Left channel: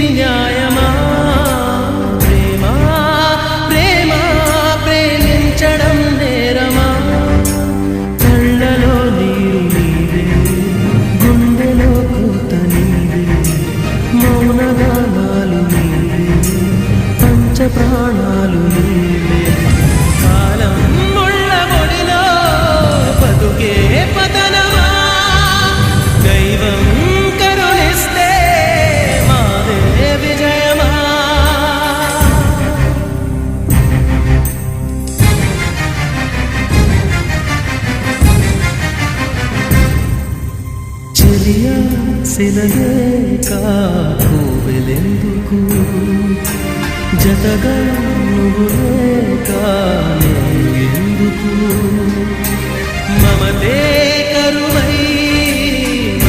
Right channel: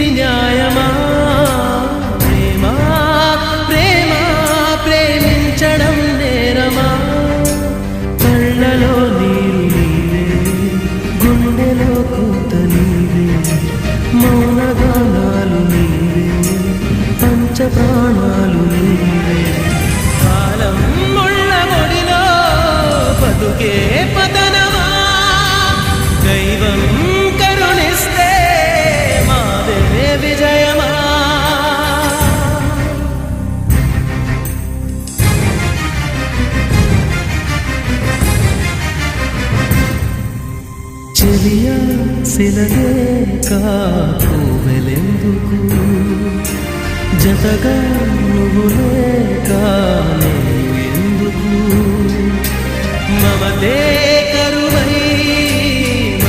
ఇది న్యాయమా? ప్రేమ ప్రేమ ప్రేమించడం నేరమా? కళ్ళలో నీరు నీవే, గుండెలో కోత నీవే, మౌనగానాలు నీవే, పంచ ప్రాణాలు నీవే. కాలం ముళ్ళ మొడిలో బతుకే పతనమా? దైవం కరుణిస్తే మాదే విజయమా? చెలియా శిలలేక కోవెలెందుకు, జతగా నువ్వు లేక నేను ఎందుకు? మమతే కరువై